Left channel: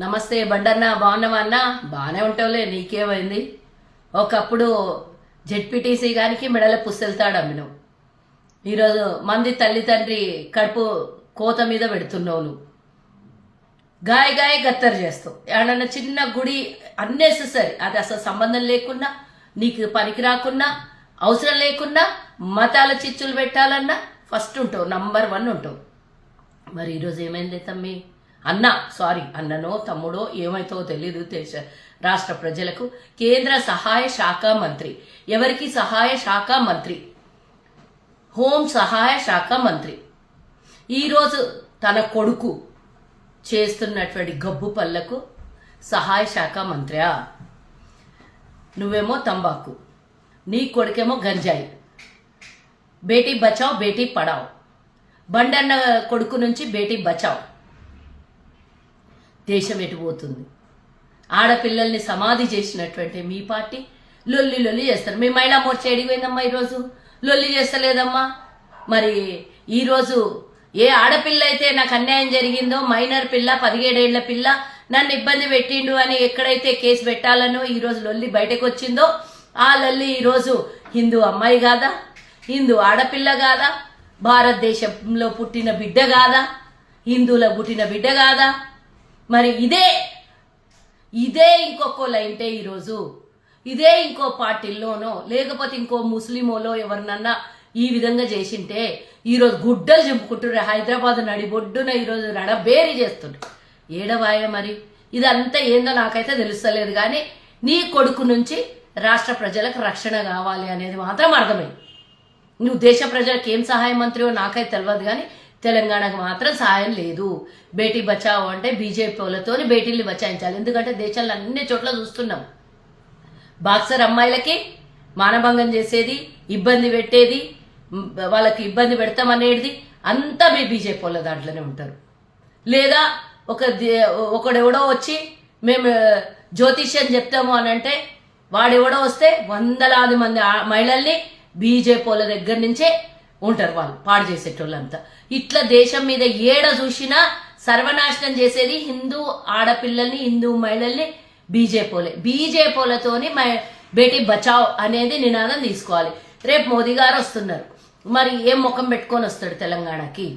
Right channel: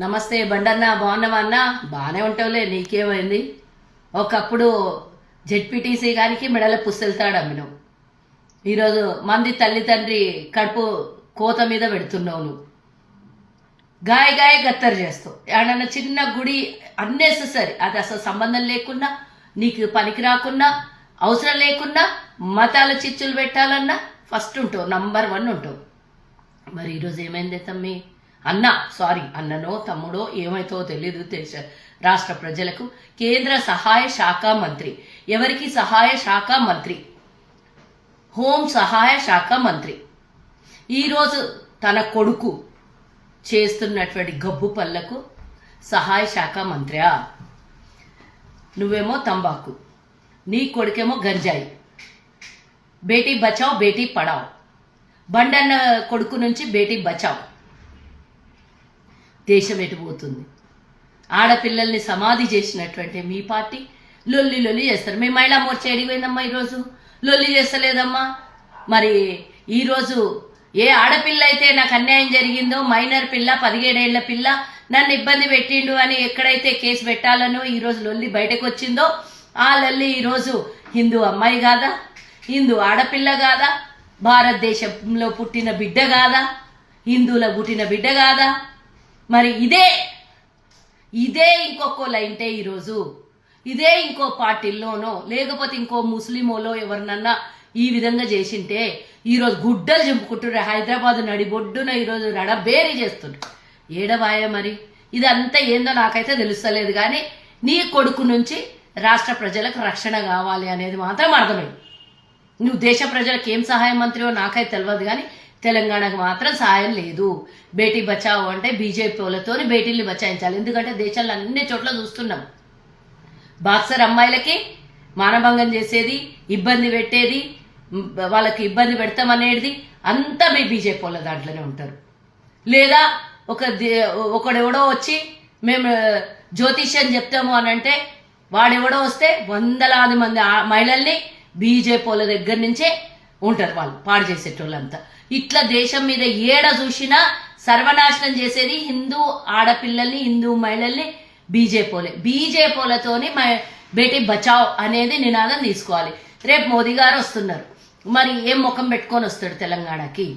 నమస్తే బండన్న, బాగున్నావా అన్న? బాగానే ఉంటావులే, నీకేమైంది? ఒకప్పుడు జెడ్పీటీసీ గారికి మెడల పుస్తెళ్తాడు అమ్మినావు. ఈరోజు మంది తల్లి తండ్రి కడుపు కోత మీద పెడుతున్నావు. నువ్వు గాయ గాయ గత్తర్ చేస్తావు. ఏడన్నా చిన్న గుడి అన్నెసెసరీ, అది అసలు సంబంధం లేకున్నా, నీకు పనికి రాకున్నా, అవసరం లేకున్నా, మతాల చిచ్చులు పెట్టాలన్నా ఫస్ట్ ఉంటావు, నంబర్ 1 ఉంటావు. మరి ఈరోజు ఏమైంది తమ్మి? అన్ననో తమ్ముడో ఏమైతో తెలీదు. రాష్ట్ర ప్రజలకు కేంద్ర సహాయ శాఖ మంత్రి, ఎవరికి సహాయ శాఖ మంత్రి? హోం సహాయ శాఖ మంత్రి ఈరోజు తన కొడుకు చేస్తున్నటువంటి గబ్బు పళ్ళకు సహాయ శాఖ మంత్రియా? నువ్వేమో తంబాకు, నీ కొడుకేమో గంజాయి. బేటీ బచావ్ బేటీ పడావ్. బండన్న కొడుకు నుంచి బేటీ బచావ్. దేశం ఎటుపోతుంది? ఆడపిల్లల్ని సమాధి చేసినటువంటి మీ పార్టీ లొల్లి లొల్లి చేస్తారు. మీ మహిళా మోర్చా ఎడిపోయిందమ్మా? ఈరోజు లొల్లి చేస్తలేదమ్మా. మరి ఈరోజు ఏ ఆడపిల్ల అయితే నాకు అన్యాయం జరిగిందో, మైనర్ పిల్ల, 17 ఏళ్ల పిల్ల నన్ను ఇబ్బంది పెట్టిండు అని ఎక్కడైతే కేసు పెట్టాలనో ఈరోజు లొల్లి బయటకు వచ్చిందో, ఆ లొల్లి ఈరోజు హిందూ అమ్మాయి కాదా? హిందూ ఆడపిల్ల కాదా? భారతదేశంలో పుట్టిన బిడ్డ కాదా? హిందువుల పుట్టిన బిడ్డ కాదా? మరి ఇదే ఇంకొకళ్ళు అంటే ఈరోజు ఇదే ఇంకో పార్టీల్లోనో లేకపోతే ఇంకో ముస్లిమోలో ఎవరినన్నా ఈ విధంగా చేసింటే ఈరోజు గుడ్డలు చింపుకుంటుండ్రు. హైదరాబాద్ నడిబొడ్డున ఈరోజు రడబేరి చేస్తుండ్రు. ఏడవాయ మరి ఇదంతా ఏందో నాకైతే తెలుస్తలేదు. కానీ నీ కొడుకు నుంచి రాష్ట్ర ప్రజలకు రక్షణ కావాలి అనేది మాత్రం అర్థమైంది. నువ్వు దేశ ప్రజలకు ఏం సహాయ మంత్రివో నాకైతే తెలియదు, కానీ తెలంగాణకు మాత్రం సహాయం లేదు. బేటీ బచావో అంటే బీజేపీ వాళ్ళతో బేటీల్ని బచాయించాలి. ఎందుకంటే దేశంలో అన్ని చోట్ల చూస్తున్నాం, బాక్సర్ అమ్మాయిలకి మానభంగం చేసేది, ఇబ్బంది పెట్టేది, వాళ్ళకి ఇబ్బంది పెడతామనేది అంతా మీ బీజేపీ వాళ్ళ దాంట్లోనే ఉంటారు. లేదా ఒకడెవడో వచ్చి మేము జ్యోతిష్యం చెప్తాము అని అంటే వాడెవడో వస్తే వందలాది మంది మహిళల్ని బీజేపీ వాళ్ళ దగ్గర నుంచే ఉంటారు వాళ్ళు పాడు చేసేటోళ్ళంతా. ఇట్లా దేశం మీద ఏడ చూసినా సర్వనాశనం చేసేది హిందూ ఆడపిల్లల్ని, హిందూ మహిళల్ని బీజేపీలతోని బేటీ బచావ్ అనేది నినాదం తీసుకోవాలి. రేపు మోదీ గారు వస్తున్నారు, మరి ఏం ముఖం పెట్టుకొని వస్తాడు తెలంగాణకి?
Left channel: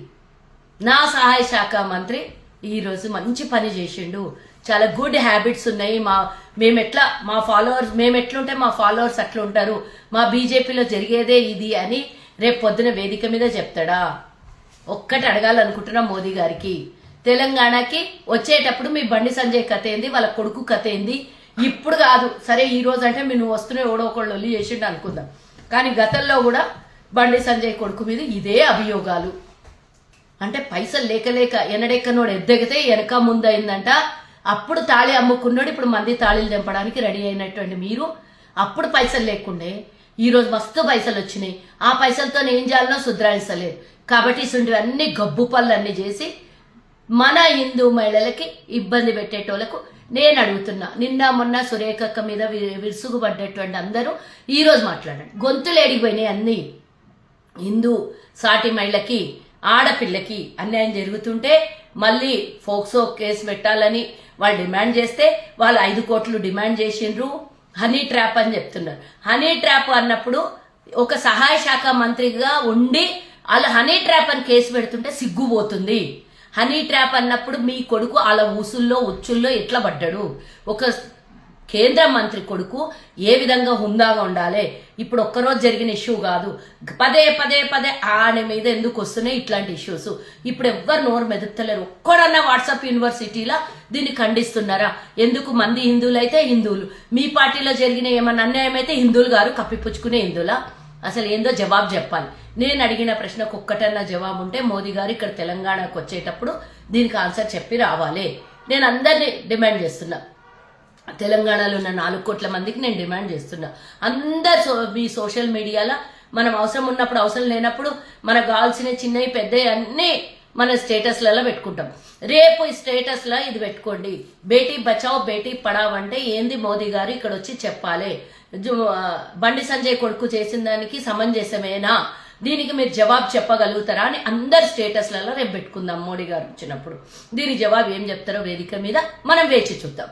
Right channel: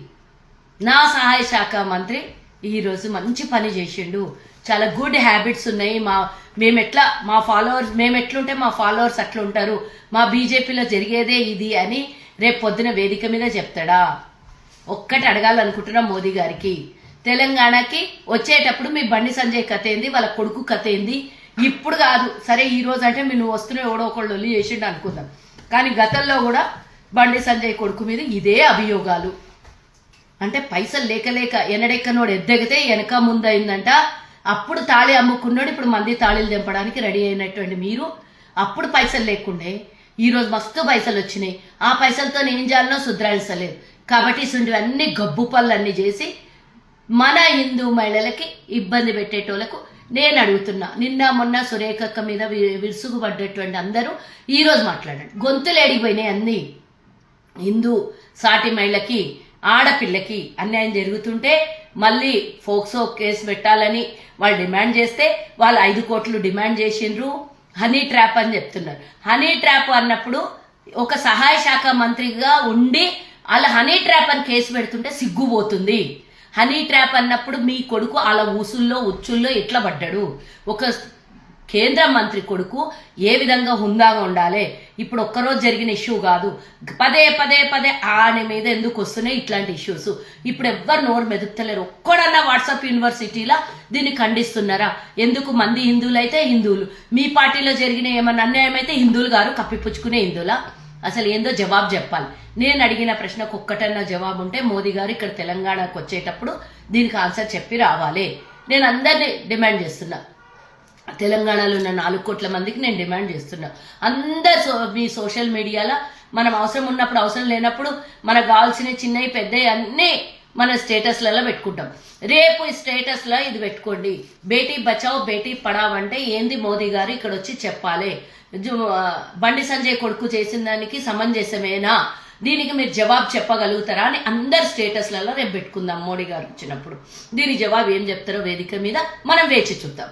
నా సహాయ శాఖ మంత్రి ఈరోజు మంచి పని చేసిండు. చాలా గుడ్ హ్యాబిట్స్ ఉన్నాయి. మేము ఎట్లుంటే మా ఫాలోవర్స్ అట్లా ఉంటారు, మా బీజేపీలో జరిగేదే ఇది అని రేపు పొద్దున వేదిక మీద చెప్తాడా? ఒక్కటి అడగాలనుకుంటున్నా మోదీ గారికి. తెలంగాణకి వచ్చేటప్పుడు మీ బండి సంజయ్ కథ ఏంది, వాళ్ళ కొడుకు కథ ఏంది? ఇప్పుడు కాదు, సరే ఈ రోజు అంటే నువ్వు వస్తున్న ఎవడో ఒకళ్ళు ఒల్లి చేసిండు అనుకుందాం, కానీ గతంలో కూడా బండి సంజయ్ కొడుకు మీద ఇదే అభియోగాలు. అంటే పైసలు లేక ఎనడెక్కనోడు ఎద్దగితే వెనక ముందు అయిందంట. అప్పుడు తాళి అమ్ముకున్నాడు, ఇప్పుడు మంది తాళిలు తెంపడానికి రెడీ అయినటువంటి మీరు అప్పుడు పైసలు లేకుండే ఈరోజు మస్తు పైసలు వచ్చినాయి. ఆ పైసలతో ఏం చేయాలనో సుధరాయిస్తలేదు. కాబట్టి ఇసుంటివన్నీ గబ్బు పళ్ళన్నీ చేసి మన హిందూ మహిళలకి ఇబ్బంది పెట్టేటోళ్లకు నేను అడుగుతున్నా. నిన్న మొన్న సురేఖక్క మీద విరుసుగుపడ్డటువంటి అందరూ ఈరోజు మాట్లాడండి. గొంతులు ఎడిగిపోయినాయి అన్నీ. హిందూ సాటి మహిళకి, ఆడపిల్లకి అన్యాయం జరుగుతుంటే మళ్ళీ ఫోక్సో కేసు పెట్టాలని వాళ్ళు డిమాండ్ చేస్తే వాళ్ళు 5 కోట్లు డిమాండ్ చేసిండ్రు. హనీ ట్రాప్ అని చెప్తున్నారు. హనీ ట్రాప్ అన్నప్పుడు ఒక సహాయ శాఖ మంత్రిగా ఉండి అలా హనీ ట్రాప్ అని కేసు పెడుతుంటే సిగ్గుపోతుంది. హనీ ట్రాప్ అన్నప్పుడు మీ కొడుకు అలా ఊసుల్లో ఉచ్చుల్లో ఎట్లా పడ్డాడు? ఒక కేంద్ర మంత్రి కొడుకు ఏ విధంగా హుందాగా ఉండాలి? ఇప్పుడు ఒక్కరోజు జరిగిన ఇష్యూ కాదు, పదే ఆయన మీద ఎందుకు వస్తున్నాయి ఇట్లాంటి ఇష్యూస్? ఇప్పుడు ఎవ్వరు నోరు మెదుపుతలేరు. ఒక్కడన్నా వాట్సాప్ యూనివర్సిటీలా దీన్ని ఖండిస్తున్నారా? ఎందుకు మంది హిందువులు అయితే హిందువులు, మీ పార్టీలో జరిగిన ఏమన్నా అన్యాయం అయితే హిందువులు గారు కప్పిపుచ్చుకునే హిందువులా? అసలు ఏందో జవాబు చెప్పాలి. నేను అడిగిన ప్రశ్నకు ఒక్కటన్నా జవాబు ఉంటే మోదీ గారు ఇక్కడ తెలంగాణకు వచ్చేటప్పుడు దీనికి ఆన్సర్ చెప్పి రావాలి. నేను అందరినీ డిమాండ్ చేస్తున్నా, తెలంగాణలో ఉన్న 4 కోట్ల మందికి నేను డిమాండ్ చేస్తున్నా. అందరు మీ సోషల్ మీడియాలో మనం అవసరం ఉన్నప్పుడు, అవసరం లేనప్పుడు మనకు కావాల్సిన చిన్నవి పెద్దవి అన్నీ మన స్టేటస్లలో పెట్టుకుంటాం. రేపు ఈ స్టేటస్లో ఇది పెట్టుకోండి, బేటీ బచావ్ బేటీ పడావ్ అంటే ఏంది మోదీ గారు ఇక్కడ వచ్చి చెప్పాలి. బండి సంజయ్ కొడుకు చేసిన దానికి సమంజసమేనా? దీనికి మీరు జవాబు చెప్పగలుగుతారా అని అందరు స్టేటస్లలో రేపు పెట్టుకుందాం మోడీ గారు వచ్చినప్పుడు. దీని జవాబు ఏం చెప్తారో వేదిక మీద మనం వేచి చూద్దాం.